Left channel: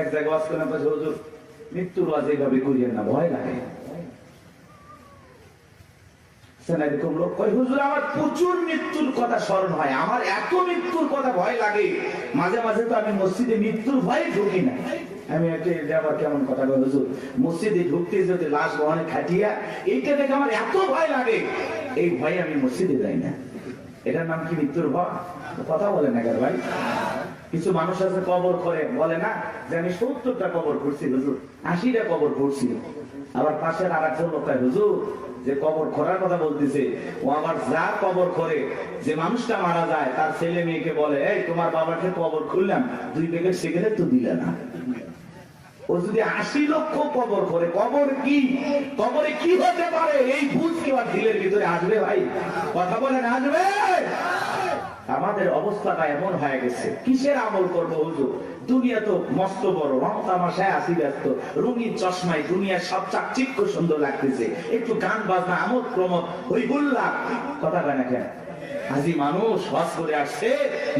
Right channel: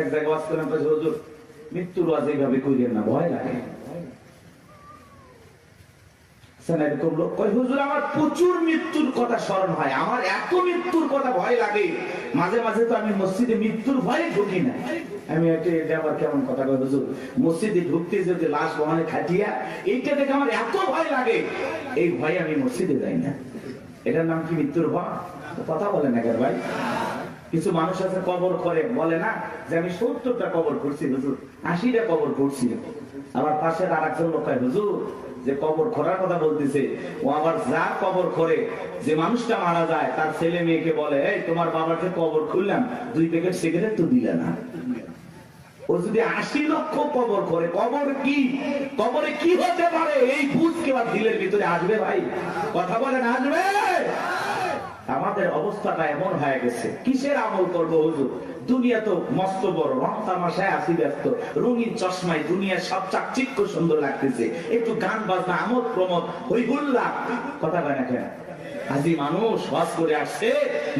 এক জায়গায় ওয়াজ করেন, হুজুর মৃত্যুর ওয়াজ এইভাবে করিয়েন না, ভয় লাগে। এরকম লোক কয়, হুজুর আমার প্রচুর মৃত্যুর কথা স্মরণ হয়, আমার এত মৃত্যুর কথা ভয় লাগে, মাঝে মাঝে তো আমি মসজিদে মৃত্যুর ভয়ে ঢুকি না। আমি আবার কেমন কথা বল, হুজুর মসজিদে ঢুকতে যদি লাশ অনেক খাটিয়া, এইটা দেখে আমার এত ভয় লাগে, এই ভয়ে আমি মসজিদে যাই না। এটার নাম কি মৃত্যুর ভয়? কথা বলে না ভাই। কিছু মানুষ আছে কবর করে, বলে না যে আমি 70টা কবর করছি হুজুর, 80টা কবর করছি। আবার পাশের আর একজন লোক হুজুর যে কবর খোঁড়ার কথা বলতেছে, ও আবার যা কবর করে, যে মানুষটা মারা যায় তার ছেলে মেয়েকে বলে, এই তোমার বাবাকে কবর খুললাম, 2 প্যাকেট সিগারেট তো দিলে না। ও যদি 80 লক্ষ কবর করে, কবর কি, কবরে কি হতে পারে এই ভূত কি আর দিলের ভিতরে আসবে ভাই? কথা বলেন, আসবে? আমাদের অবস্থাটা এমন হয়ে গেছে, কিসের আমল করবো হুজুর? দুনিয়া তো মস্ত বড়, রং তামাশায় আসি ব্যস্ত, রঙিন চশমায় দুনিয়া সব চাকচিক্য সুন্দর লাগতেছে, একটু গান বাজনা আমোদ প্রমোদ ওই বললাম কথা বলে না কেন? হাজি মানুষ হজ করে আসছে,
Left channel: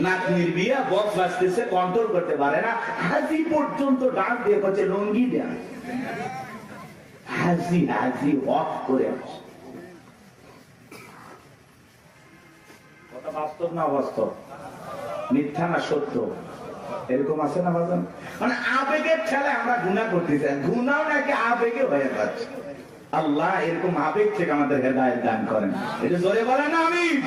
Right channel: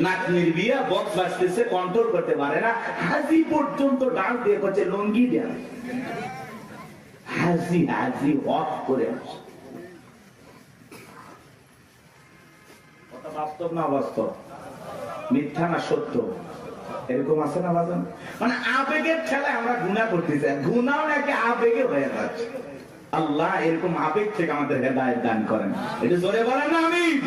নাতনির বিয়া, বক্স বাজতেছে, কন্ট্রোল করতে পারে না, হাজি পর্যন্ত ডাক দিয়ে করছে লঙ্গি দেয়া। হাজি হাজি হজ করে আসছে। কথা বাস্তব না অবাস্তব? মিথ্যা না সত্য? এরকম আছে না বাজন? মানে আবেগের ঠেলায় আমরা গুনাহ করতেছি, গুনাহ নাকি আবেগে হয়ে যাচ্ছে। আল্লাহ এরকম আবেগ থেকে আমাদের হেদায়েত দান করেন। এটা জোরে বলেন আমিন।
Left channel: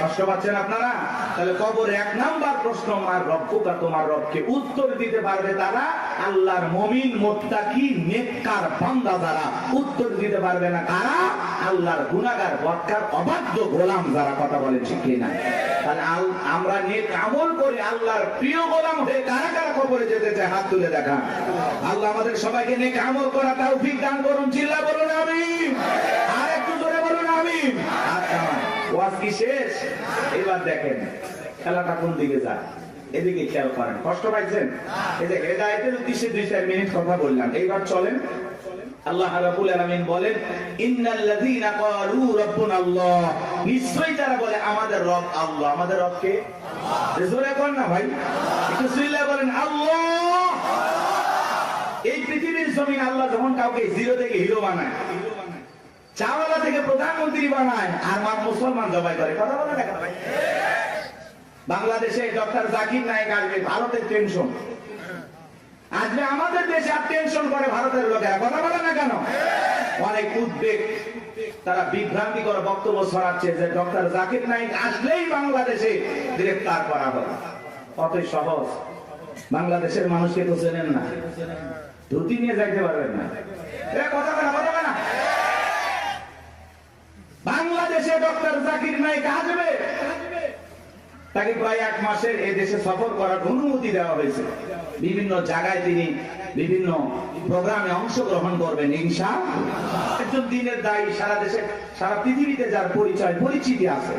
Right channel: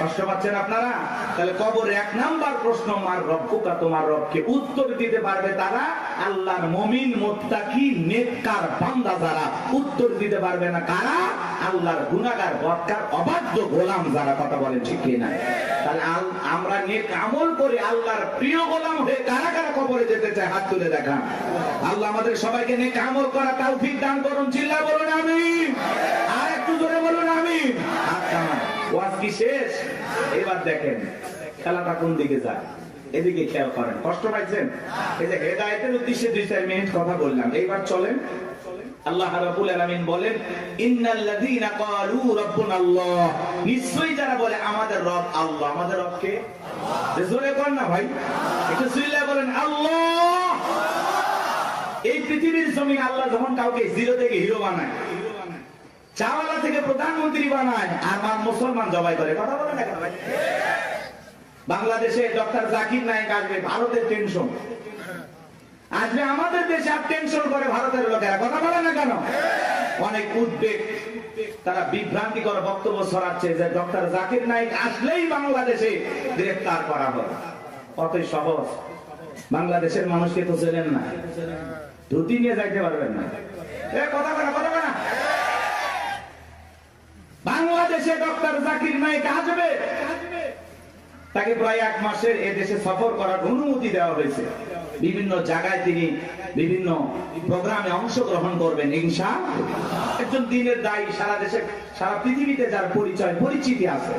কষ্ট পাচ্ছেন আপনারা? তাহলে কবরে 1 নাম্বার প্রশ্ন, মার রব্বুকা, তোমার রবকে উত্তর দিতে পারবে তারা, আল্লাহর মুমিন মুত্তাকি নেককার বান্দা যারা, উত্তর দিতে পারবে না কারা? আল্লাহর গুনাহগার বদকার অবাধ্য গোলাম যারা। কথা বলেন ঠিক কি না? তাহলে আমরা নেক আমল করে আল্লাহর প্রিয় গোলাম হয়ে কারা কারা কবরে যেতে চায় হাত তুলে দেখা। আল্লাহ আমাদের সবাইকে নেক আমল করা তৌফিক দান করুন। চিল্লা বলুন আমিন। আর একটু জোরে বলুন আমিন। আচ্ছা, ওয়াজ কি শেষ? এবার দেখেন খেলাটা কোন দিকে যায়, এদিকে খেয়াল করেন। কষ্ট পাইছেন? এই যে হেদায়েতের উদ্দেশ্যে 2-4 মিনিট কথা বললাম, এইবার চলেন। আল্লাহ রাব্বুল আলামিন বলেন, ইন্নাল্লাযীনা ক্বালু রাব্বুনাল্লাহ, নিশ্চয়ই যারা বলে আমাদের রব আল্লাহ। আমাদের রব কে? জোরে বলেন না ভাই, একটু চিল্লায়ে বলেন আল্লাহ। এই পৃথিবীর জমিনে আল্লাহ যখন কাউকে জিরো থেকে হিরো বানায়, চাওয়ালা থেকে প্রধানমন্ত্রী বানায়, আর মুসলমান জবাই করে। কথা বলে না কেন ভাই? বাংলাদেশে ডক্টর জাকির নায়েক আসবে, ভারতের টেনশন আসবে, আমাদের দেশে আর টেনশন করে ভারতের লোকেরা। কথা বলে না কেন? অনেক উদ্বেগ, তারা বিভ্রান্তিকর বক্তব্য ছড়াচ্ছে যে ডক্টর জাকির নায়েক আসলেই বাংলাদেশে গ্রেফতার করা হবে। কতই সহজ। বাংলাদেশের মানুষকে তো চেনেন না, ধুতি নিয়ে যাইতে পারবেন না। কথা বলে কথা বলে না। বাংলাদেশে ডক্টর জাকির নায়েক আসবে, তাকে প্রায় 1 মাসের এ দেশে সফর করার অনুমতি দেওয়া হয়েছে। বিভিন্ন জায়গায় তিনি বিভিন্ন প্রোগ্রামে অংশগ্রহণ করবেন ইনশাআল্লাহ। একজন দিনের দায়ী, সারা দেশে সারা পৃথিবীতে যার পরিচয় পরিচিতি আছে।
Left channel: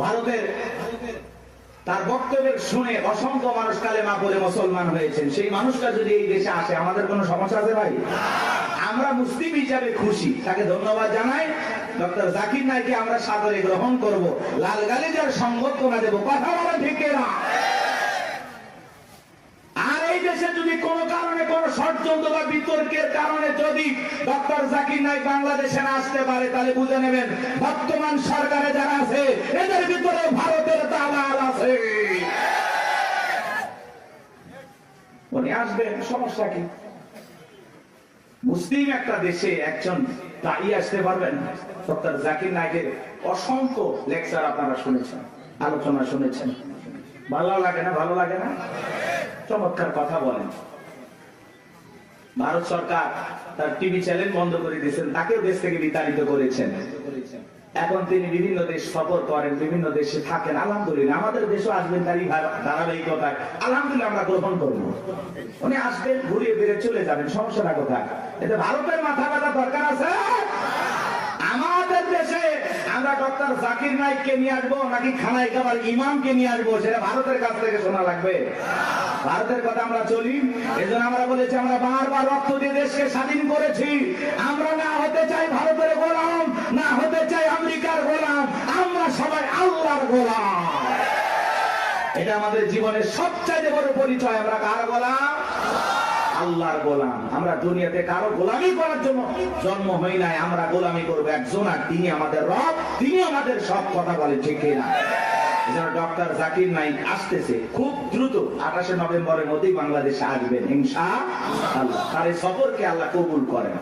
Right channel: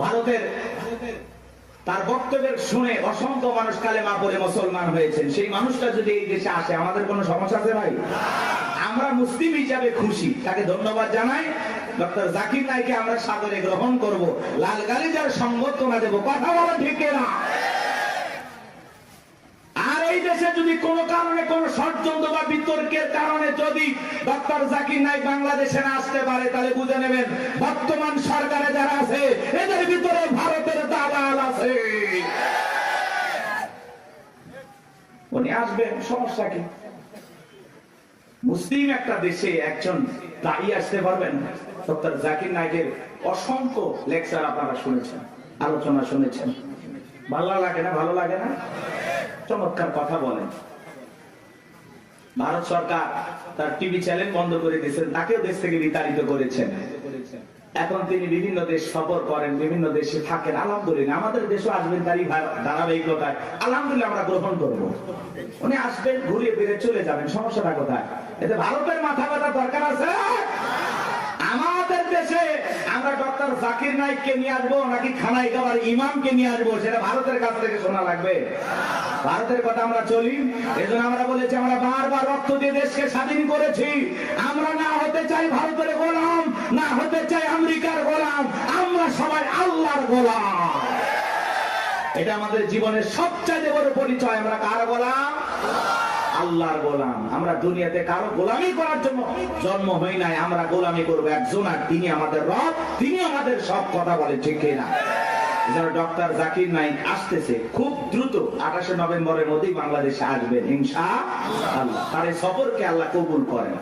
ভারতের তার বক্তব্যের শুনে অসংখ্য মানুষ কালেমা পড়ে মুসলমান হয়েছেন। সেই মানুষটা যদি এই দেশে আসে, আমাদের কোনো সমস্যা আছে ভাই? আমরা মুসলিম হিসাবে খুশি, তাকে ধন্যবাদ জানাই। ডক্টর জাকির নায়েককে আমরা সাদরে গ্রহণ করব, লাল গালিচার সংবর্ধনা দেব। কথা বলা ঠিক না? আর এই দেশে যদি কোন কারণে কোন ষড়যন্ত্র বা বিতর্কের কারণে যদি ডক্টর জাকির নায়েক বাংলাদেশে না আসতে পারে, তাহলে বুঝে নেবেন বর্তমান সরকারে যারা আছে এদের ভিতরে ভারতের দালাল আছে। উনি আসবেন, সমস্যা কি? মুসলিম একটা দেশে একজন দায়ী আসতে পারবেন। ডক্টর জাকির নায়েকের অসংখ্য লেকচার আপনারা শুনেছেন, আলোচনা শুনেছেন। ভালো লাগে না? ভালো লাগে না? চমৎকার কথা বলেন। ভারত সরকার তার টিভি চ্যানেল বন্ধ করে দিয়েছেন, তাকেও দেশ থেকে বিতাড়িত করেছেন। এখন তিনি বিভিন্ন দেশ সফর করেন, বিভিন্ন দেশে থাকেন। আলহামদুলিল্লাহ, আমাদের দেশও আসবেন তারই ধারাবাহিকতায়। আলহামদুলিল্লাহ, আমরা গ্রহণ করবো। উনি আসবেন, ঘুরিয়ে ফিরে চলে যাবেন, সমস্যাটা কোথায়? এটা ভারতের মাথা ব্যথা দরকার আছে? আমাদের দেশে আমরা ডক্টর জাকির নায়েককে নিয়ে আসবো নাকি খানায় খাবার ইমামকে নিয়ে আসবো, সেটা ভারতের কাছ থেকে শোনা লাগবে। ভারতের কথা আমরা চলি, এজন্য আমরা বলেছি আমরা বারবার রক্ত দিয়ে দেশকে স্বাধীন করেছি। আমরা না হতে চাই ভারতের গোলাম, না হতে চাই আমেরিকার গোলাম, আমরা সবাই আল্লাহর গোলাম। এটা আমাদের জীবনের সবচেয়ে বড় পরিচয়। আমরা কার গোলাম? আল্লাহর গোলাম। আমরা দুনিয়াতে কারো গোলামি করার জন্য জন্ম হই নাই, আমরা গোলামি করবো একজন, আর তিনি আমাদের রব, তিনি আমাদের সব। কথা বলে ঠিক না? ডক্টর জাকির নাইক আসতেছে খুব দ্রুত, 28 নভেম্বরের মধ্যেই বাংলাদেশে আসবেন ইনশাআল্লাহ। তার এই সফরকে আল্লাহ কবুল করেন।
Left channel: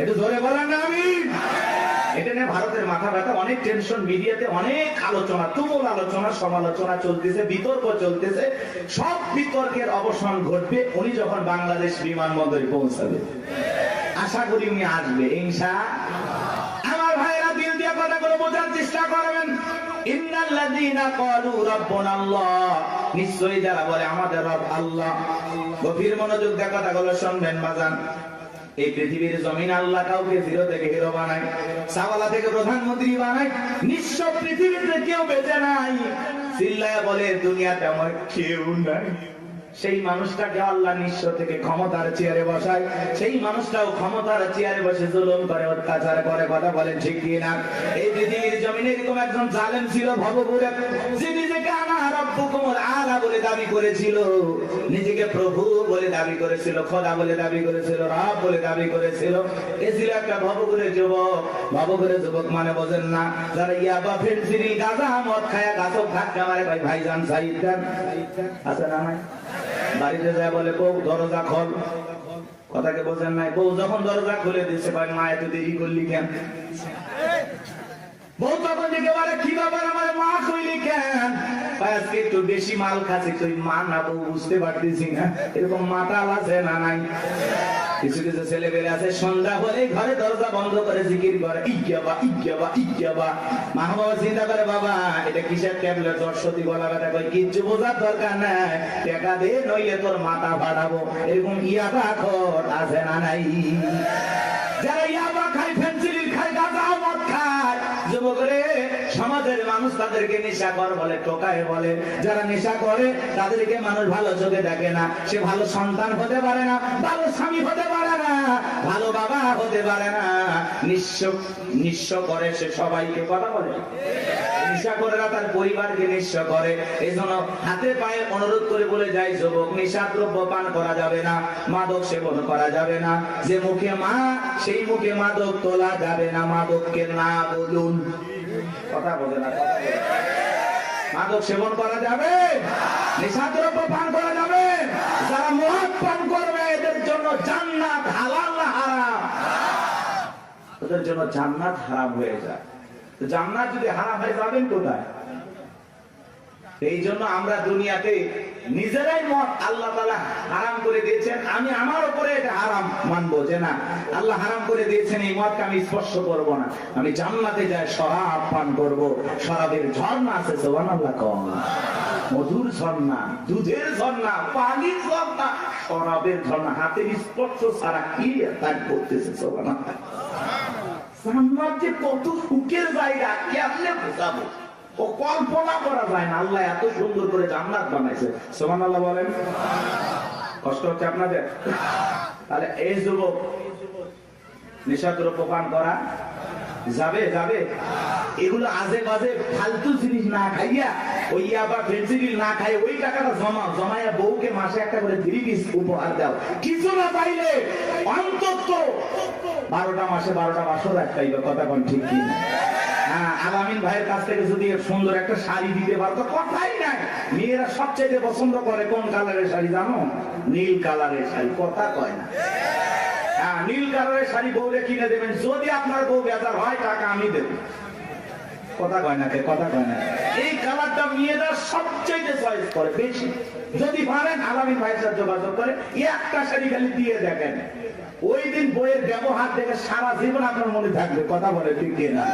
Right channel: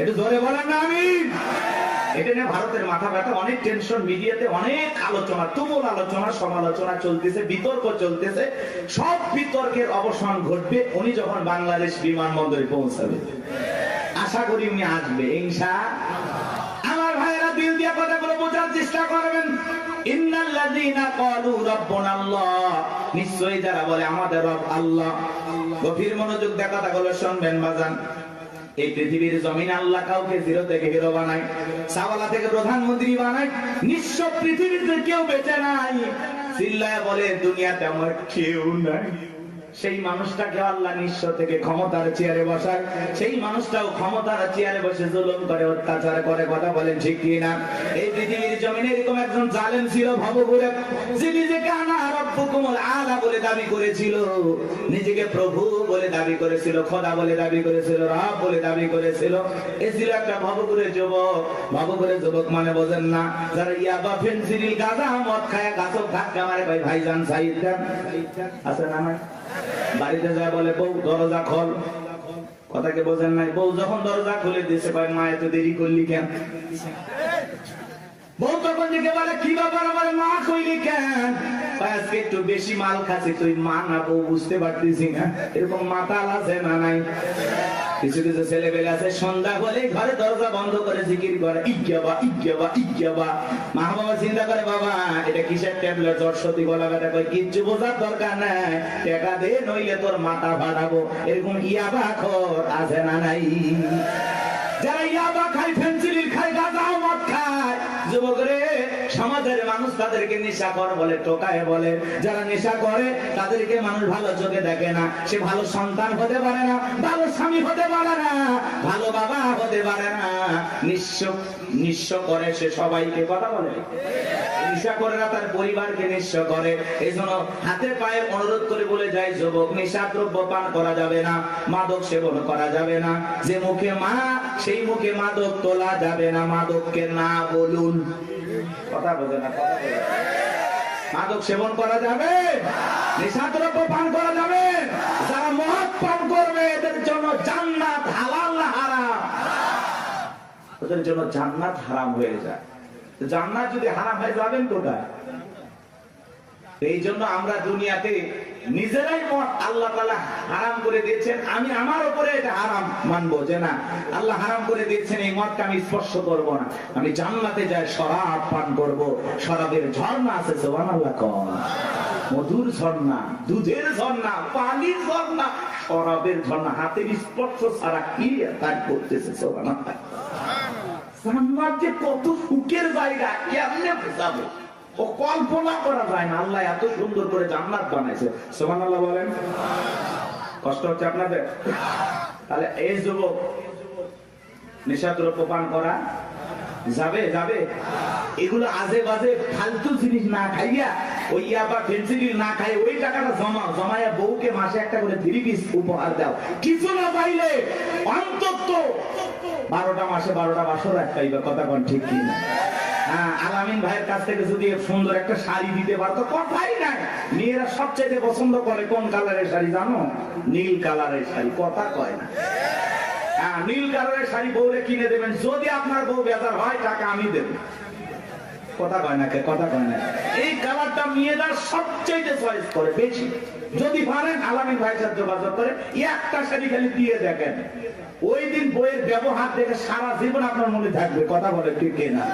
একটু জোরে বলেন না আমিন। এটা নিয়ে ভারতের মাথা ব্যথা, অনেক টেনশন, মিডিয়াতে অনেক আলোচনা, তুমুল আলোচনা, সমালোচনা চলতেছে, বিতর্ক চলতেছে। সব বিতর্কের অবসান ঘটবে উনি যখন বাংলাদেশ বিমানবন্দরে পৌঁছাবে। আশা করি উনি আসবে ইনশাআল্লাহ। আমার ভাইরা দিল দিয়ে কথাগুলো বোঝার চেষ্টা করবেন। ইন্নাল্লাযীনা ক্বালু রাব্বুনাল্লাহ, নিশ্চয়ই যারা বলে আমাদের রব আল্লাহ। গভীর মনোযোগ দিয়ে কথাগুলো শুনবেন বাজান। এই পৃথিবীর জমিন আল্লাহ কাউকে জিরো থেকে হিরো বানায়, সাওয়ালা থেকে প্রধানমন্ত্রী বানায়। নিঃস্ব পৃথিবীতে কেউ বেঁচে নাই। চিল্লায় বলে দুনিয়াতে আমার কেউ নাই। সেই মানুষটাকে আল্লাহ নিঃস্ব থেকে ক্ষমতার চেয়ারে বসায়, সেই মানুষটাও ক্ষমতার চেয়ারে বসে জুলুম করে, অত্যাচার করে। কথা বলেন ঠিক কি না? এই পৃথিবীর জমিনে এরকম একজন জালেম ছিল ভবঘুরে, যে নিজেকে আনা রব্বুকুমুল আলা বলে দাবি করেছিল, নিজেকে প্রভু বলে দাবি করেছিল, খোদা বলে দাবি করেছিল, রব বলে দাবি করেছিল। এ ছিল একটা ভবঘুরে যুবক। ভবঘুরে যুবক মানে বোঝেন না? যারা ইয়াবা, ফেনসিডিল, গাঁজা, মদ খায়, গাছক ধাক্কা মারে। ভাইজান সাইদ খান আছে না? না, বাড়িতে যায় বলে বউ দরজা খোল। কথাকে বোঝেন নাই? বউ যখন দরজা খুলে দিচ্ছে, ভাই মা এত দেরি করলি কেন? বউ তখন দিকে বলে কি ব্যাপার, আমার মা কইলি কেন? আজকে একটু বেশি মাল খাচ্ছি। তুই মা না বউ বুঝতে পারতেছি না। এরকম মাতাল আছে না নাই? কিছু কিছু ছেলে পেলে আছে সন্ধ্যা হলে ঘরে দরজা বন্ধ করে জিকির করে, ইজ্ঞাবা ইজ্ঞাবা ইজ্ঞাবা। মা বাবা চিন্তা করে, বাবা এটা কিসের ট্যাবলেট, সরস্বতী বলা কথা কই, কিচ্ছু বোঝার দরকার নাই, টাকা দে নইলে তোর মাথা ফাটাবো। এরকম ইয়াবা খোর আছে না নাই? যারা ইয়াবা খায়, ফেন্সিলিন খায়, গাঁজা মদ খায়, যুবক রে, সমাজের মানুষ তাদেরকে নেশাখোর বলে, টোকায় বলে। যারা নেশা করে তাদেরকে মানুষ ভালো চোখে দেখে না। সে ভালো সন্তান হতে পারে না, ভালো স্বামী হতে পারে না, ভালো বাবা হতে পারে না। নিঃস্ব করে সে সবাইকে। কথা বলে নেশা করে না, তার পরিবারকে নিঃস্ব করে। এই জন্য হাতে পায়ে অনুরোধ করে বলে যায়, যুবক নেশা দ্রব্য পান করা যাবে না, মাদক সেবন করা যাবে না। যে মুখে মা, সেই মুখে মাদক তোলা যাবে না। মাদককে না বলুন। কথা বলে না? মাদক সেবন করা যাবে, নেশা দ্রব্য পান করা যাবে। যারা মদ পান করবে এদের জন্য জান্নাত হালাল না হারাম? ওদের জন্য জান্নাত হারাম হয়ে যায়। জান্নাত যদি হারাম হয়ে যাবেন কোথায়? এই জন্য আমরা দুনিয়াতে নিজেরাই মদ আল্লাহ তাআলা হারাম করে দিয়েছেন। আমি আমার উপরে এটা হারাম মানবো যে না, আল্লাহ হারাম করে দিয়েছেন, এই মদকে আমি স্পর্শ করব না। আমি জান্নাতে যাই শরাব পান করব। শরাবের ঝর্ণা আছে, সুবহানাল্লাহ কম, মধুর ঝর্ণা, দুধের ঝর্ণা, পানির ঝর্ণা, শরাবের ঝর্ণা। হাতের স্পর্শ ছাড়া কি তার করতেছে? সুবহানাল্লাহ। জান্নাত যে কত সুখের জায়গা, কেমনে বোঝাবো? ও কল্পনা করা যায় না। আল্লাহ এত সুন্দর করে জান্নাত বানাইছে। সুবহানাল্লাহ বলেন। কষ্ট হচ্ছে আপনাদের? তাহলে এই যুবক নেশা দ্রব্য পান করা যাবে? যাবে? এগুলো আজে বাজে ফালতু জিনিস না খাইয়া, ওই আবার ফেন্সিডিল না খাই, ওই টাকাটা জমায়া বউকে মাসে একটা করে 3 পিস উপহার দাও। কিছু না পাইলে অন্তত 12টা মাসে 12টা বছর পাইবা। কথা কোন ঠিক কি না? আলামিন ভাইয়ের কাছ থেকে যদি সুন্দর একটা শাড়ি দিতে পারতো, কথাই নাই। মেয়েরা সবচেয়ে পছন্দ করে কোন কালারের শাড়ি জানো? নীল কালারের শাড়ি। কথা কয় না? নীল কালারের শাড়ি বউরে কিনে দেবেন। যদি আপনার বউ বেজার হয়, টাকা আমি দেবো। কথা কয় না? কথা কয় না? এই কালারটা মেয়েরা সবচেয়ে চয়েস করে বেশি। যদি পারেন আলামিন ভাইয়ের সাথে যোগাযোগ করে একটা শাড়ি খালি দিয়ে দেখেন, ওই দিন বইয়ের ব্যবহার দেখে সারা জীবন আপনার মনে থাকবে। কথা বলে ঠিক না?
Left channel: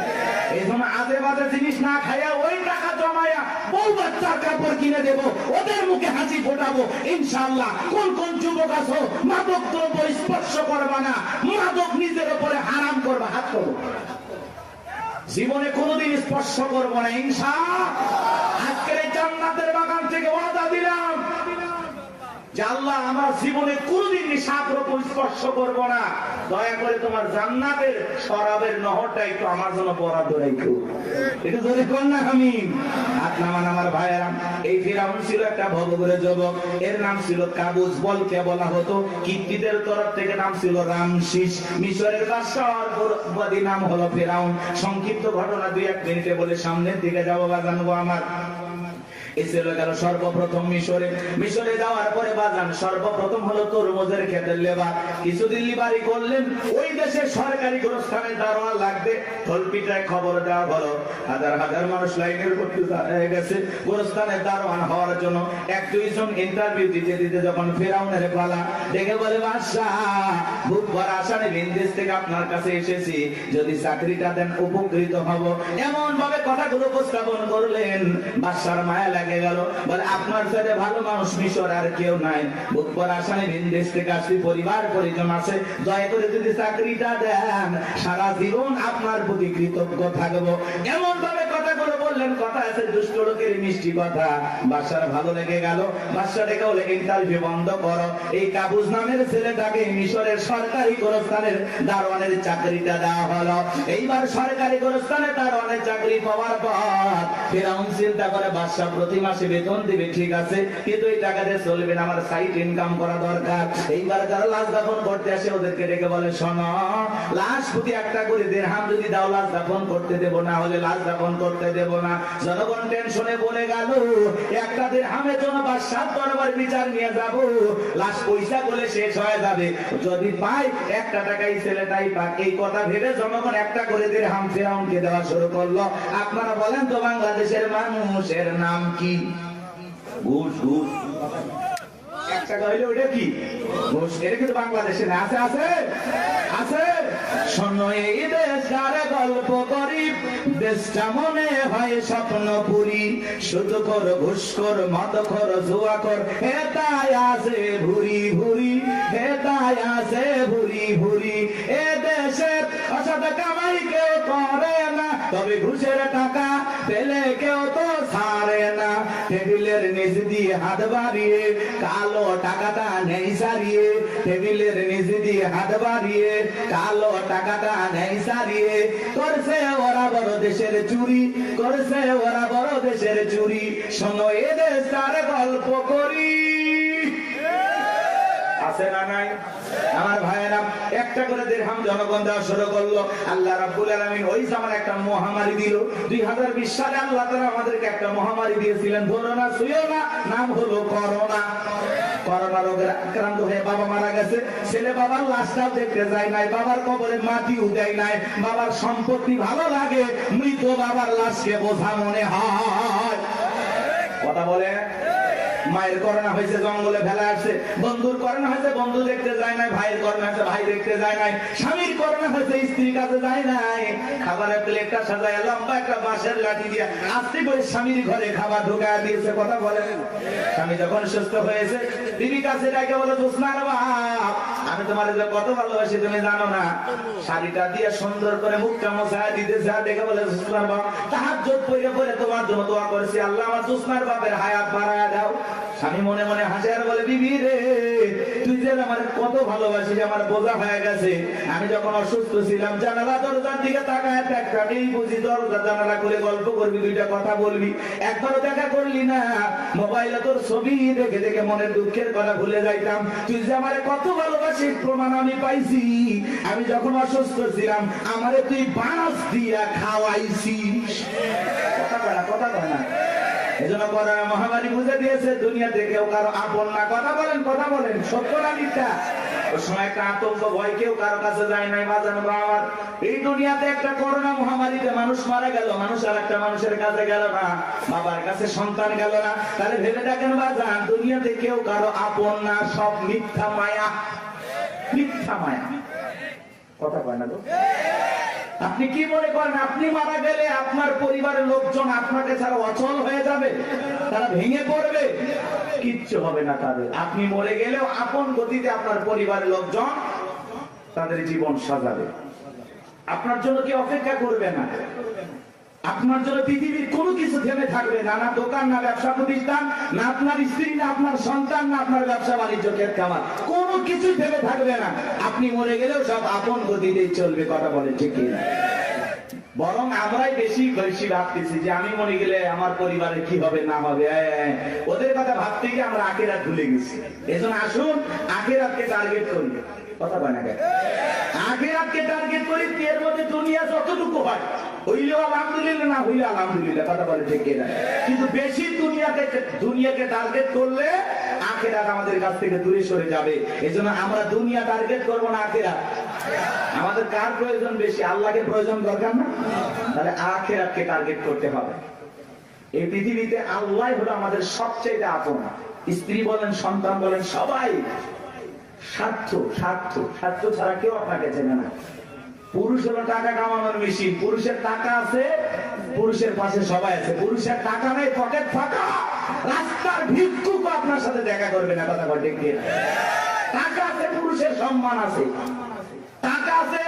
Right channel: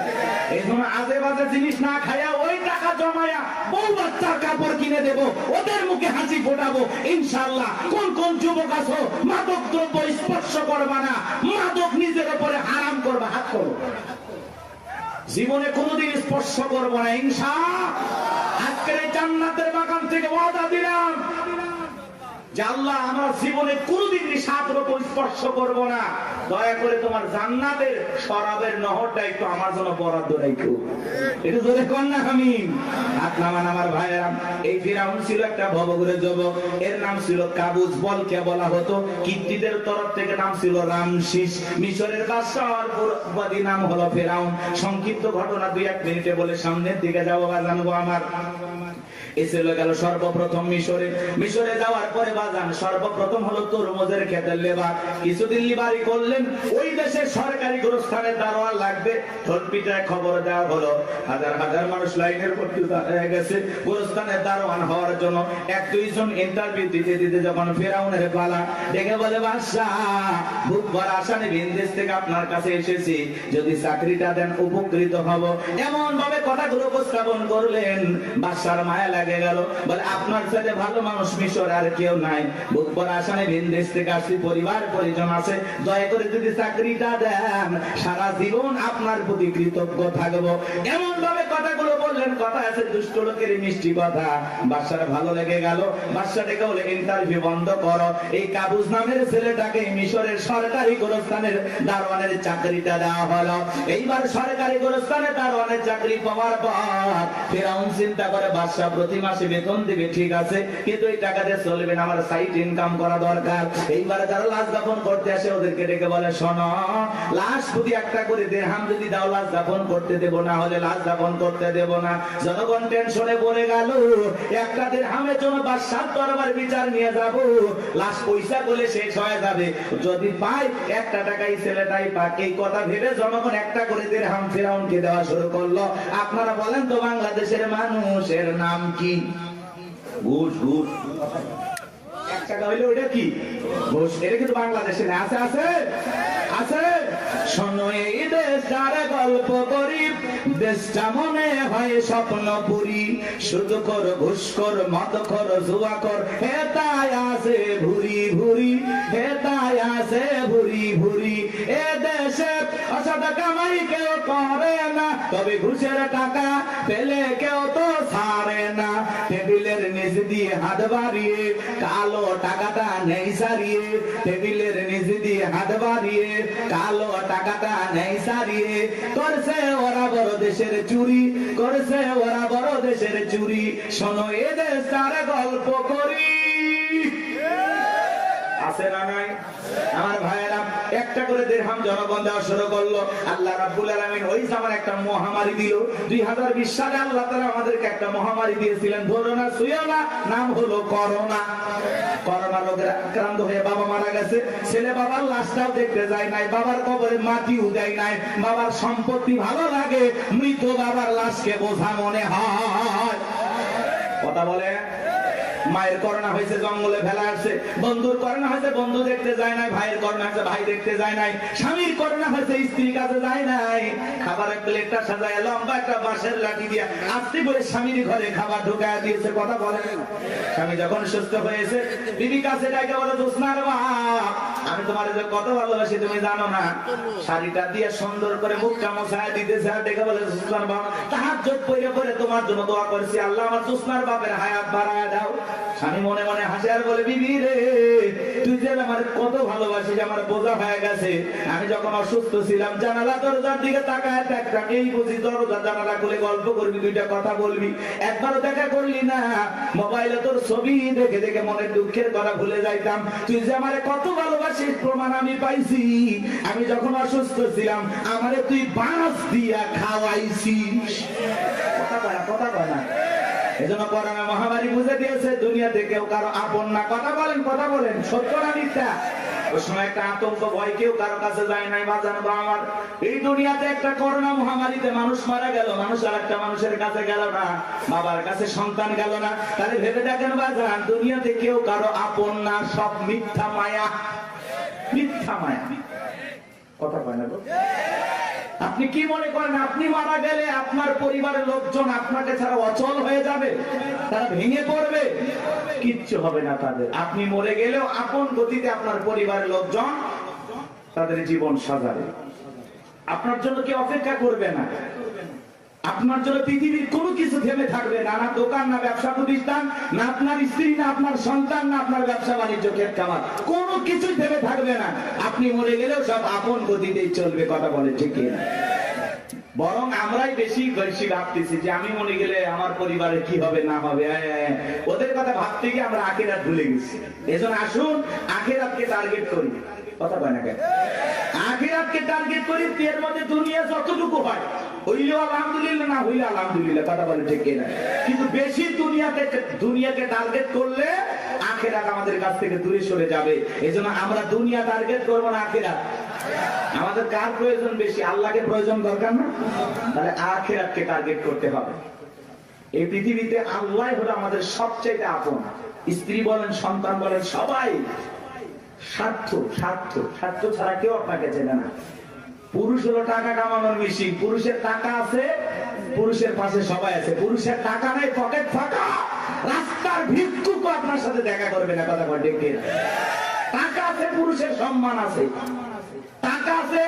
এই জন্য আজে বাজে জিনিস না খাইয়া ওই টাকা জমায়া বউ বাচ্চার কাপড় কিনে দেবো, ওদের মুখে হাসি ফোটাবো ইনশাআল্লাহ। কোন কোন যুবক আছো মাদক দ্রব্য স্পর্শ করবা না, মাদক নিজের উপরে হারাম করবে, হাত করো। জীবনে কোনোদিন স্পর্শ করবো না ইনশাআল্লাহ। আজকের এই জান্নাতের বাগান থেকে ওয়াদা দিলাম, যে আল্লাহ আমরা জীবনে কোনোদিন নিশাদ্রব্য স্পর্শ করবো না, দয়া করে তোমার জান্নাতের শরাবের নহরটা একটু আমার জন্য বরাদ্দ রাখো। একটু ধরে কর না আমি হাত নামান আমার ভাইয়েরা। এই ফিরাউন ছিল একটা ভবঘুরে যুবক, এর নাম ছিল কাবুস। বলকে বলা হতো, কিত্তিদের তরফ থেকে নাম ছিল রামসিস। মিশরের বাদশাহর পুরোবাদী নাম হলো ফিরাউন। সংক্ষিপ্ত ঘটনা 2-1 মিনিটে বলে সামনের দিকে যাবো জানবো আমার। এই ছিল গেল সর্বপ্রথম মিশরে যাওয়ার পরে বাজান সর্বপ্রথম হলো তরমুজের ক্ষেতের লেবার। কিছুদিন লিবারি করলেন, ওই দেশে সরকারি গোরস্থানের দারোয়ান লাগবে। ঢোলপিটায় খবর দেওয়া হলো, হাজার হাজার মানুষ লাইনের ভর্তি হয়ে গেছে গোরস্থানের দারোয়ান হওয়ার জন্য। 1-2 জন ইন্টারভিউ দিতে দিতে যখন ফেরাউনের পালা, দেখে বলে বাদশাহ খুব বড় আসামে ভিনদেশ থেকে আপনার কাছে এসেছি, যদি চাকরিটা দেন উপকৃত হব। এমন ভাবে কথাগুলো উপস্থাপন করলেন, বাদশার মায়া লাগে গেল। বলে আপনার সাথে ভালো মানুষ মিশর আর কেউ নাই, বুক পর আসামে ভিনদেশ থেকে আসছি, পরিবার পরিজন আছে, দয়া করে যদি চাকরিটা দেন সারা জীবন আপনার প্রতি কৃতজ্ঞ থাকবো। এমন ভাবে কথাগুলো বললেন, কথা আছে দুষ্ট লোকের মিষ্টি কথা। বাদশার ভালো লেগে গেল। বাদশা ডেকে বলে ইন্টারভিউ বন্ধ করো, এই কাবুস নামের ছেলেটাকে মিশরের সরকারি গোরস্থানের দারোয়ানের চাকরিটা দেওয়া হলো। এইবার সরকারি গোরস্থানের দারোয়ানের চাকরি পাওয়ার পর ফেরাউন চিন্তা করে বাদশা প্রতি মাসে বেতন দিবে, ঠিক আছে, কিন্তু এই টাকা দিয়ে চলবে না, আমার সাইড ইনকাম করা দরকার। এইবার যারা লাশ দাফন করতে আসে ওদেরকে ডেকে বলে, শোনো, লাশ প্রতি একটা করে দিরহাম যদি দাও লাশ দাফন করতে দেবো, না হলে লাশ দাফন করতে দেবো না। জনগণ টেনশনে পড়ে গেল, একটা দিরহামের জন্য বাদশার দরবার বিচার নিয়ে যাব, লাশ পয়সা বলে শেষ হয়ে যাবে, যদি পাই 1 টাকাই ছেলেটাই পাক। এই কথা ভেবে জনগণ একটা করে দিরহাম ফেরাউনকে দেওয়া শুরু করলো। আপনারা বলেন তো বাংলাদেশের মানুষের নাম কি? ঘুষ। ঘুষ 1 টাকা হইলে ওটা কি ঘুষ? এটা কিন্তু বাংলাদেশে আছে আছে আছে। শোনো এই দেশটার গল্প করি, দেশটা মনে হয় স্বপ্নপুরী, শুধু কর ঘুষ কর মদ কর জুয়া কর, হেতায় আছে ভুরি ভুরি, হেতায় আছে ভুরি ভুরি। এ দেশে অসৎ কামাই কেউ করে না, তবে ঘুষের টাকা পেলে কেউ তো ছাড়ে না। টেবিলের নিচ দিয়ে হাত বাড়িয়ে কালো টাকাটা নেই সারিয়ে, টেবিলের নিচ দিয়ে হাত বাড়িয়ে কালো টাকাটা নেই সারিয়ে, করছে ওরা বড় দেশের চুরি, করছে ওরা বড় দেশের চুরি। শোনো এদের সারে গল্প করি, আছে না নাই? আমার ভাইয়েরা একটা করে দিরহাম জনগণ দেওয়া শুরু করলো। আল্লাহ রাব্বুল আলামিন ওই সময় একটা মহামারী দিল। 2020 সালে আল্লাহ তাআলা আমাদেরকে একটা মহামারী দিয়েছিলেন, ধরো না ছুঁয়ো না, নাম হলো করোনা। করোনা রোগে আক্রান্ত হয়ে বাবা মারা গেছে, ছেলে বাবার লাশটাও দেখতে যায় নাই, বাবার কবরে মাটিও দেয় নাই। বাবার সম্পত্তি ভালো লাগে, মৃত বাবার লাশকে বোঝা মনে হয়। কথা বলে। মায়ের করোনা হয়েছে, জঙ্গলে ফেলা আসছে। বন্ধুর করোনা হয়েছে, বন্ধু দেখতে যায় নাই। ভাইয়ের করোনা হয়েছে, ভাই দেখতে যায় নাই। স্বামীর করোনা হয়েছে, স্ত্রীর কাছে যায় নাই। খাবারের প্লেটটা সাজায় লম্বা একটা বাঁশের লাঠি দিয়ে আস্তে করে স্বামীর ঘরে খাবার ঢোকায় দিয়েছে। কথা বলেন। স্বামী যখন সুস্থ হয়েছে, বিবি কাছে ডাকে বলে, জোসনার বাপ, আমি তোমার কত ভালোবাসি তুমি জানো না। শাড়িটা দিয়ে সুন্দর করে মুখটা মোছায় দিতেছে, আর ডেকে বলে, জোসনার বাপ, তাহাজ্জুদ পড়ে পড়ে তোমার জন্য দোয়া করেছি, আল্লাহ আমার জোসনার বাপের হায়াত বাড়ায় দাও। স্বামী মনে মনে হাসে আর বলে, বিবি রে, তুই যে আমার কত ভালোবাসিস, আমার বোঝা হয়ে গেছে। আমি যখন অসুস্থ ছিলাম, জানালা দরজার দিকে তাকায় একটাকেই বুঝি, দরজা জানালা করে গল্প করবি, 2টা কথা বলবি, একবারও দেখা করলি না। মোবাইলে তোর ছবি দেখে দেখে মনের দুঃখের কথা ভুলে যাইতাম। তুই যে আমার কত ভালোবাসিস প্রমাণ আমি পাইছি। আমি যখন অসুস্থ ছিলাম, আমারে তুই বাঁশ দিয়া খাওয়াইছিস। কথা বলে না। এজন্য করোনা মহামারী বুঝে দিয়েছে, দুনিয়াতে কেউ কারো আপন না। কথা বলেন, কথা বলেন, সত্য না মিথ্যা? ওই সময় একটা আতঙ্ক ভয়, কেউ কারো কাছে যায় নাই। বাজানো বাবার এই দুনিয়াতে একটা করোনা মহামারীতে মানুষ মারা গেল, মানুষ আর একটা মানুষের কাছে গেল না, বাবার কাছে সন্তান গেল না। তাহলে ভেবে দেখেন বাজান, দুনিয়াতে কেউ কারো আপন না, সব মিথ্যা মায়া, মিথ্যা মায়া। কথা বলে না? আপনি কি মনে করেন আপনি মারা গেলে আপনার পরিবারের লোকজন আপনাকে ছাড়া অচল হয়ে যাবে, তারা ভেঙে পড়বে? কিচ্ছু হবে না তাদের। আপনি মরে গেলেও আপন গতিতে আপনার পরিবারের লোকজন তাদের জীবন সাজাবে, আপনার জন্য কেউ অপেক্ষা করবে না। আপনার জন্য পৃথিবীর কোনো কিছু থেমে থাকবে না, না দোকান, না ব্যবসা প্রতিষ্ঠান, না আপনার স্ত্রী, না আপনার সন্তান, না আপনার ব্যবসা বাণিজ্য ক্ষেত খামার, কোনো কিছুই থেমে থাকবে না। আপনি মরে গেলেও সব আপন গতিতেই চলবে, কথা বলে ঠিক না? বরং আমরাই বেশি বেশি ভাবতেছি যে আমি মরে গেলে আমার পরিবারে কি হবে না হবে, ওদের কথা ভাবতে গিয়ে আমরা আখিরাত ভুলে গেছি। এজন্য আসুন আখিরাতকে টার্গেট করি, কথা বলে না, আখিরাতকে টার্গেট করি। এর মধ্যে দুনিয়া যতটুকু হয় হইলেও আলহামদুলিল্লাহ, না হইলে আলহামদুলিল্লাহ, কথা বলে ঠিক না? কিন্তু বেশি দুনিয়াকে টার্গেট করলে আখিরাত আমাদের কাছ থেকে দূরে সরে যাবে। এজন্য আমরা দুনিয়া টার্গেট করবো না, আখিরাত। আমাদের কার প্রয়োজন বেশি? আল্লাহকে প্রয়োজন দরকার না? তাহলে আখিরাতকে টার্গেট করতে হবে। এই পৃথিবীতে আল্লাহ হলো আমাদের সবচেয়ে আপন। স্ত্রী বলেন, সন্তান বলেন, সবাই স্বার্থ স্বার্থ স্বার্থ ছাড়া কেউ আপনাকে চেনে না। পুরুষ হলো টাকা কামানোর মেশিন। পুরুষের টাকা আছে, পুরুষের পাশে সবাই আছে। পুরুষের টাকা নেই, পকেট ফাঁকা, রাস্তার ভিক্ষুক আপনার সাথে দেখা করবে না, কথা বলে ঠিক না? টাকা আছে, পুরুষের সম্মান আছে, টাকা আছে,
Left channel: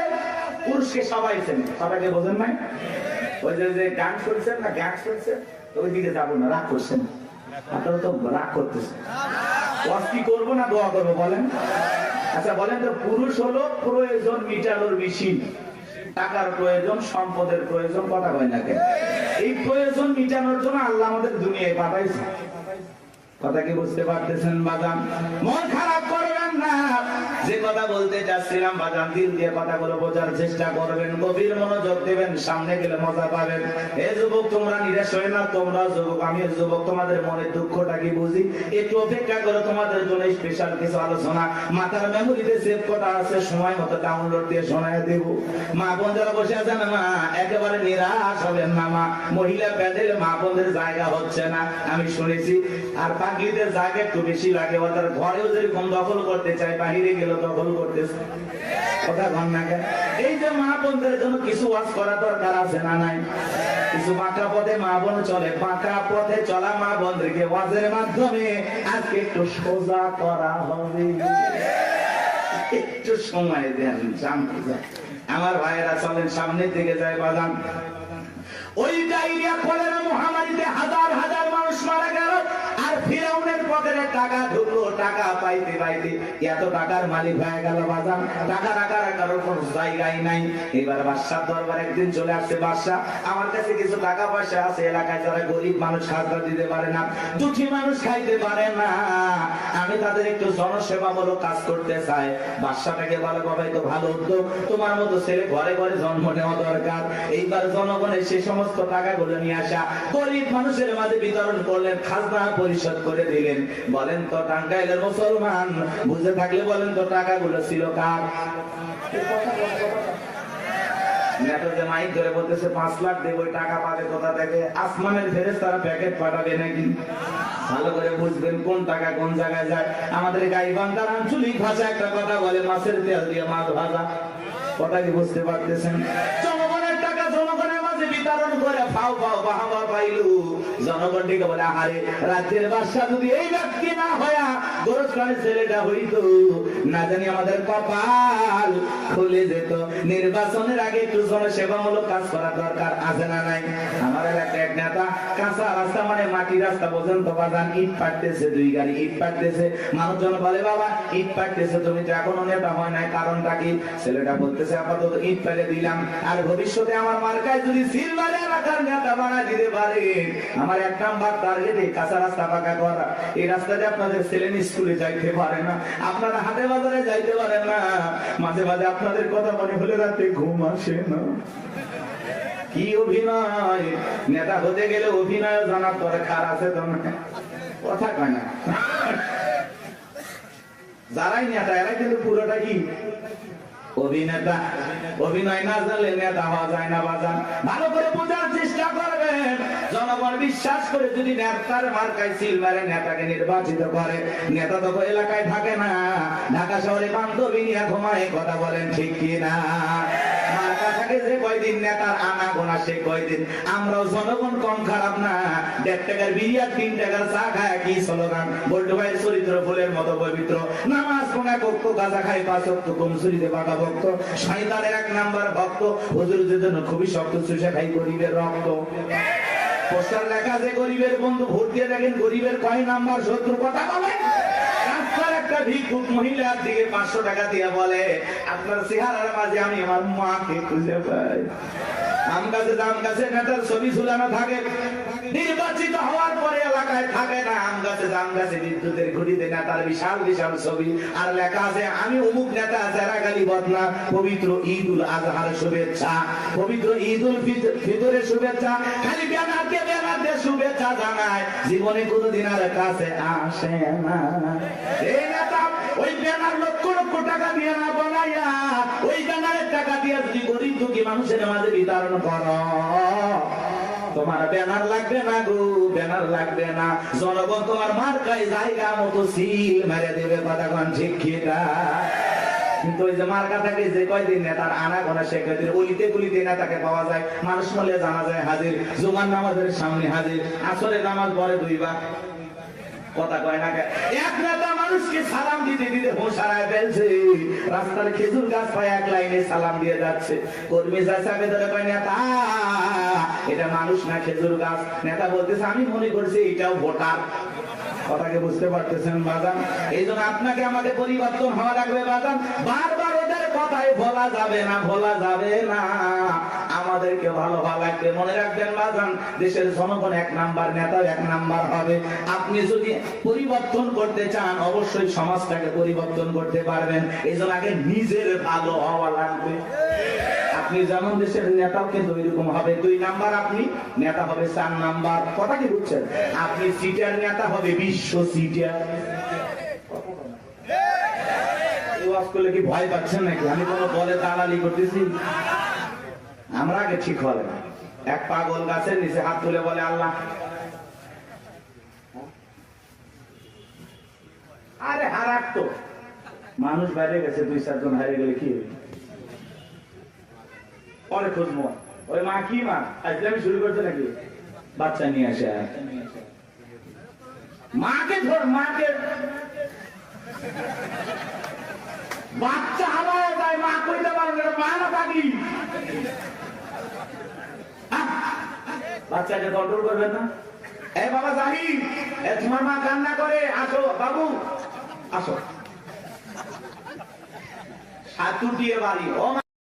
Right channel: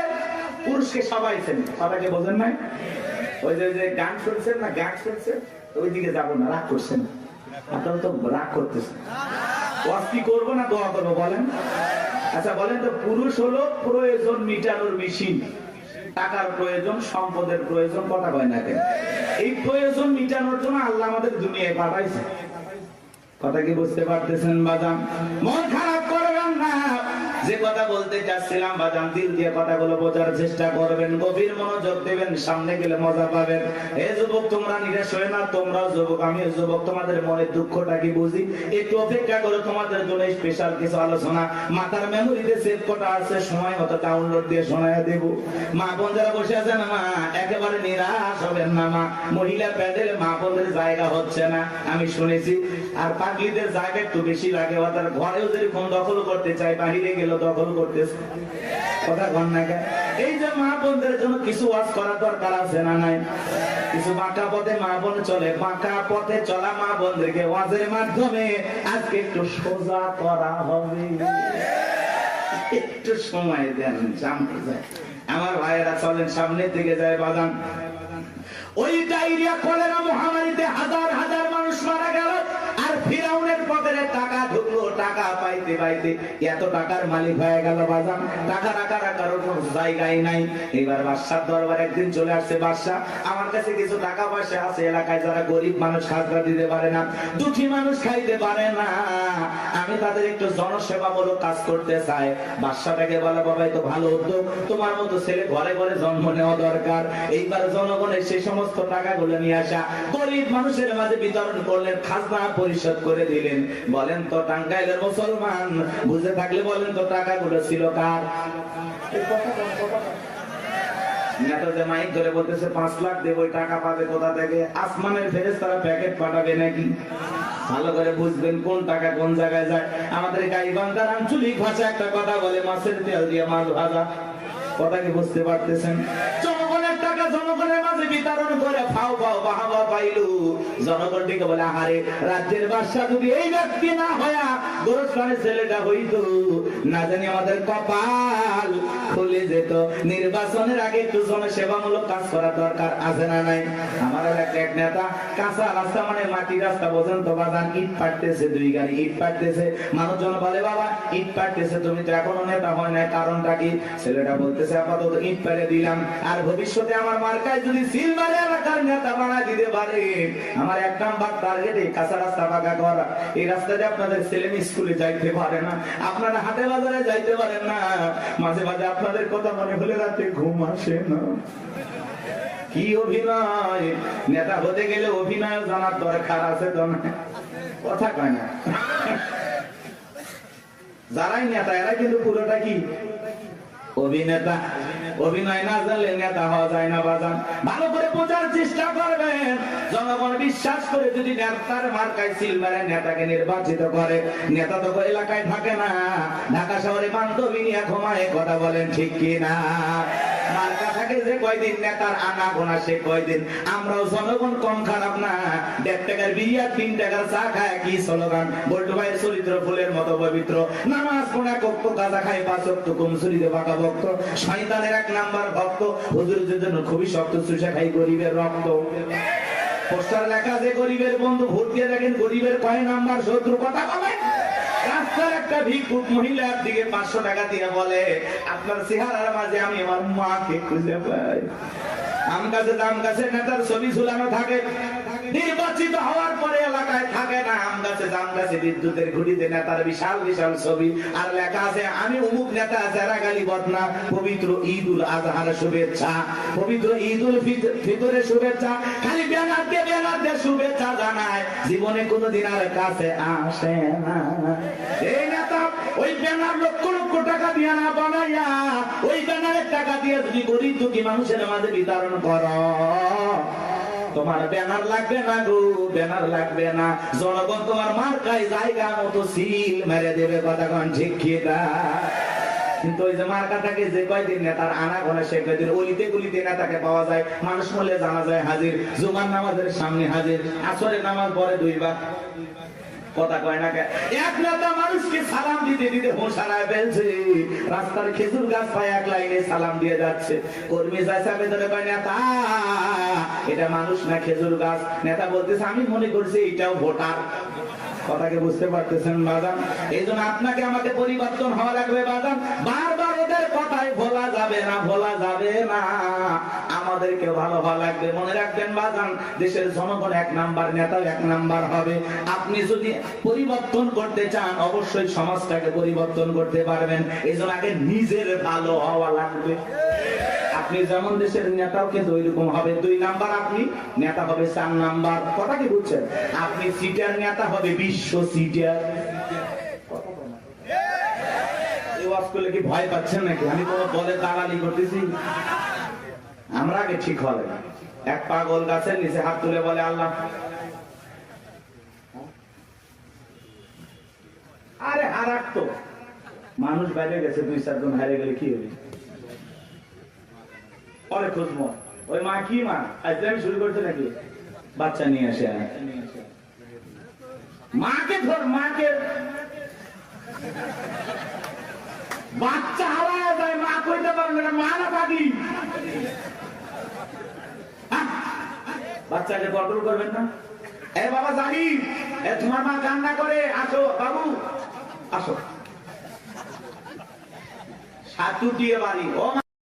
পুরুষকে সবাই চেনে। সবাইকে বোঝেন নাই? ওই যে গান শুনছেন না, গান শুনছেন, ওই দিকে যাবো না, রাগ করছেন, আপনারা তো রাগ করতেছেন। কি করবো না দোয়া করবো বলেন? আচ্ছা বলেন তো, পুরুষ হলো প্রয়োজন মিটানোর মেশিন। টাকার প্রয়োজন, সম্পদের প্রয়োজন, কথা কয় না কেন? এই প্রয়োজন মিটানোর জন্য আল্লাহ আমাদের দুনিয়ায় পাঠাইছে। কথা কি বুঝতে পারতেছেন বাজান? মন খারাপ করবেন না। যে কথা বলতে চাচ্ছিলাম বাজান, দিল দিয়ে কথাগুলো বোঝার চেষ্টা করবেন, গভীর মনোযোগ দেবেন, সামনে গেলে মজা পাবেন। হে যুবক, তোমরা নিরাশ হয় না, তোমরা যুবক, আমি যুবক, তোমাদের মনের দুঃখটা কি বুঝি। একটু অপেক্ষা করে, তোমাদের জন্য স্পেশাল কিছু আলোচনা মাথার মেমোরিতে সেভ করা আছে, সময় মতো ডাউনলোড দিয়ে শোনায় দেব। মা বোন যারা বসে আছেন, মা একেবারে নিরাশ হবেন না। মা মহিলা প্যাডেল মা বোনদের জায়গা হচ্ছে না, আমি শুনেছি। আর পাগলিদের জায়গা একটু বেশি লাগে। ওদের ঘরেও যদি কোন দখল করতে চাই, বাহিরে গেলে দখল করতেছে, কথা বল না কেন? এই যে মা বোনদের জন্য কিছু ওয়াজ করা দরকার আছে না নাই? কিছু বাঁকা পথে মা বোন চলে, বাঁকা পথে চলা মা বোনদেরকে ওয়াজের মাধ্যমে আজকে একটু সোজা করা হবে। একটু সময় দেন, জানতে যায়। আমার ভাইয়েরা চলেন সামনের দিকে যায় বাজান। ওই ডায়রিয়া কলেরা মহামারীতে হাজার হাজার মানুষ মারা গেল, আর ফিরাউনের পকেটে টাকা ঢুকলো। টাকা পাইতে পাইতে এত টাকার মালিক হয়ে গেল বাজান, টাকা টাকা রাখার কোনো জায়গায় নাই। এবার বাদশার দরবার একদিন চলে আসছে, বাদশা আমার কাছে কিছু টাকা পয়সা আছে, এলাকায় যারা গরিব মানুষ খাজনা দিতে পারে না, দুঃখী মানুষ খাইতে পারে না, আমি তাদের একটু জনসেবামূলক কাজ করতে চাই। বাদশাটাকে বলে, বাবাই তো ভালো উদ্যোগ, তোমার মতো ছেলে ঘরে ঘরে জন্ম নেওয়া দরকার। এইবার জনগণের সে সমস্ত টাকাগুলো নিয়ে আসা গরিব মানুষের মাঝে বিতরণ করলেন, খাজনা পরিশোধ করে দিলেন। বলেন তো টাঙ্গাইলের মুসলমান বুঝে থাকলে বলেন তো টাকাগুলো ছিল কার? মাইক ধরে বলতেছে 5 লাখ দেব, ওই টাকা পাবে কোথা থেকে? আসমানের ফেরেশতারা প্যাকেট পাঠাবে নাকি? ভালো করে বুঝবেন কোন টাকা কোন জায়গায় যায়। আমাদের গাইবান্ধার আঞ্চলিক ভাষা একটা কথা বলে, মাছের তেল দিয়ে মাছ ভাজা। কথা কি বুঝতে পারতেছেন? জনগণের টাকা জনগণের মাঝে বিতরণ করে ফাও ফাও বাহাবা পাইলু। জনগণ দিকে বলে, আরে রাজ্যের বাদশা যদি এই ব্যক্তি না হয়া গোরস্থানের ছেলেটা হইতো, না জানি আমাদের কপাল খুলে যেত। নির্বাচনের আগে একটু জনসেবামূলক কাজ করা দরকার আছে না নাই? আমাদের এক নেতা কাঁচা রাস্তা, মানে মাটি রাস্তা পর্যন্ত বাজান, ইট পাঠতেছে, 2 গাড়ি ইট পাঠতেছে। মানুষজন বলে, বাবা ইট পাঠতেছে, তুমি তো এখনো নেতা হয় নাই, কারণটা কি? ছেলেটা বলতেছে, আপাতত ইট ফেলে দিলাম, আর ভবিষ্যতে আমার মার্কায় যদি সিলভার এলাকার নেতা বানায় দিতে পারে, আমার 1 নাম্বার টার্গেট এই কাঁচা রাস্তা পাকা করা। এই রাস্তাতে আপনাদের ছেলে স্কুলে যাইতে পারে না, আপনারা হাটে বাজারে যাইতে পারেন না, মাঝে মাঝে আপনাদের কথা মনে হলে রাতে ঘুম আসে না। কি অভিনয়! নেতা হতে গেলে অভিনয় জানার দরকার আছে তো না, কথা কয় না? যারাই নেতা এরাই কিন্তু পুরোটা কি অভিনেতা। অভিনয় না জানলে নেতা হওয়া যায় না বাজান। ভালো করে বোঝার চেষ্টা করবেন। জনগণ বিশ্বাস করে যদি নেতার মার্কায় সিল মারে, নেতাকে নির্বাচিত করে, নেতা তো এলাকায় থাকে না, ঢাকা শহরে বান্ধবী নিয়ে ঘুমায়, কথা বলেন ঠিক কিনা? মার্কা থাকে যে কয়দিন, নেতার আনা গোনা সে কয়দিন। আমরাও জনগণ কম খারাপ না। 1.5 টাকার বিরিয়ার 3 টাকার চা খায় কি স্লোগান? বল্টু ভাইয়ের চরিত্র ফুলের মতো পবিত্র, নামাজ কোনা কক্ষ গাঁজা খাই 5 ওয়াক্ত কমসুরিতে বাঁকা ভক্ত শয়তানের 1 নাম্বার ভক্ত হুজুরের জন্য খুবই শক্ত চুষা খাই গরিবের রক্ত পোস্টার লেখা যে গরিবের বন্ধু ভোট দিয়ে দেখেন গরিবের কয় নাম্বার শত্রু কথা বলে রাস্তার একটা ভিক্ষুক মহিলার দিকে 500 টাকা দিয়ে বলে আপনার চেহারার মাঝে আমি আমার মাকে খুঁজে পাই আম গাছে নেতার ছবি ঝুলানো থাকে নির্বাচিত হওয়ার পরে এলাকায় থাকে না আম গাছে বিদ্যুতের ঘুড়িতে নেতার বিশাল বিশাল ছবি আর লেখা আছে আমি অমুক নেতা যারা গালি বদনা পবিত্র ঈদ উল আজহার শুভেচ্ছা পবিত্র ঈদ উল ফিতরের শুভেচ্ছা খালি ব্যানার দিয়ে শুভেচ্ছা জানায় জীবনে কোনোদিন আর কাছে আসে না এই নেতা ওই ব্যানার লক্ষ লক্ষ টাকা দিয়ে না বানাইয়া ওই ব্যানারের টাকা দিয়ে যদি গরিব দুঃখী মানুষের মাঝে বিতরণ করো তোমার ব্যানার লাগবে না গো ব্যানার লাগবে না জনগণ তোমার মার্কায় জায়গা মতো সিল মেরে দেবে কতক্ষণ ঠিক কিন্তু ওই যে মার্কা থাকে যে কয়দিন নেতার আনা গোনা সে কয়দিন অলিতে গলিতে নেতাকে পাওয়া যায় মানুষ মূল্যে জানা যায় হাজির জুমার নামাজের সামনে হাজির আসরের নামাজ পরে 2 বার কথা কয় না এক নেতা মানুষকে সালাম দিতে দিতে হোশ হারায় ফেলছে রাস্তার খেজুর গাছ পায় 1 লাইনে সালাম দিয়ে যাচ্ছে কর্মী চাচা ভেতরে কয় নেতা এটা মানুষ না খেজুর গাছ নেতা বলতেছে আমি মনে করছি এটাও ভোটার কথাকে বুঝতে পারতেছেন বাদান এই জন্য আপনাকে আমাদের পরিবর্তন হওয়া লাগবে বাদান বারবার ওদের কথায় ভোলা যাবে না আমাদেরকে ভালো লাগবে মনে রাখবেন বাদান দেশের জনগণ 1 নাম্বার নেতা 1 নাম্বার হবে আপনি যদি পরিবর্তন করতে চান অবশ্যই সমাজটাকে পরিবর্তন করতে পারবেন এই জন্য আগে নিজের ভালো হওয়া লাগবে আপনি যেমন দেশের নেতাও কিন্তু ওইরকম হবে 2 নাম্বার আপনি নেতা হবে 4 নাম্বার কথা কি বুঝছেন আপনি সিটার নেতা হবে বিশ্ব সিটার করলে কি ভয় পাচ্ছেন নাকি আমি কোনো দলে দালালি করতেছি আমরা আগে ঠিক হবে এক পাগল গাছের নিচে হাত তুলে বলে আল্লাহ আরে হারাক তো মানুষ বাইরে গেছে 2-4 জন হারিয়ে গেলে কি হবে পরে খুঁজবো ওই মা কি মা আজকে আমি শুরু করতে নাকি বাচ্চা নিয়ে আসে মাকে ধর মাকে বাচ্চা হারায় যায় মা কইতে পারবে না মা না পাগলি বাচ্চাকে কন্ট্রোল করবেন না এ বাবা জাহিদ তোমার মা কান্না করে আসো বাবু আসো সাতু দিয়ে বাড়ি ও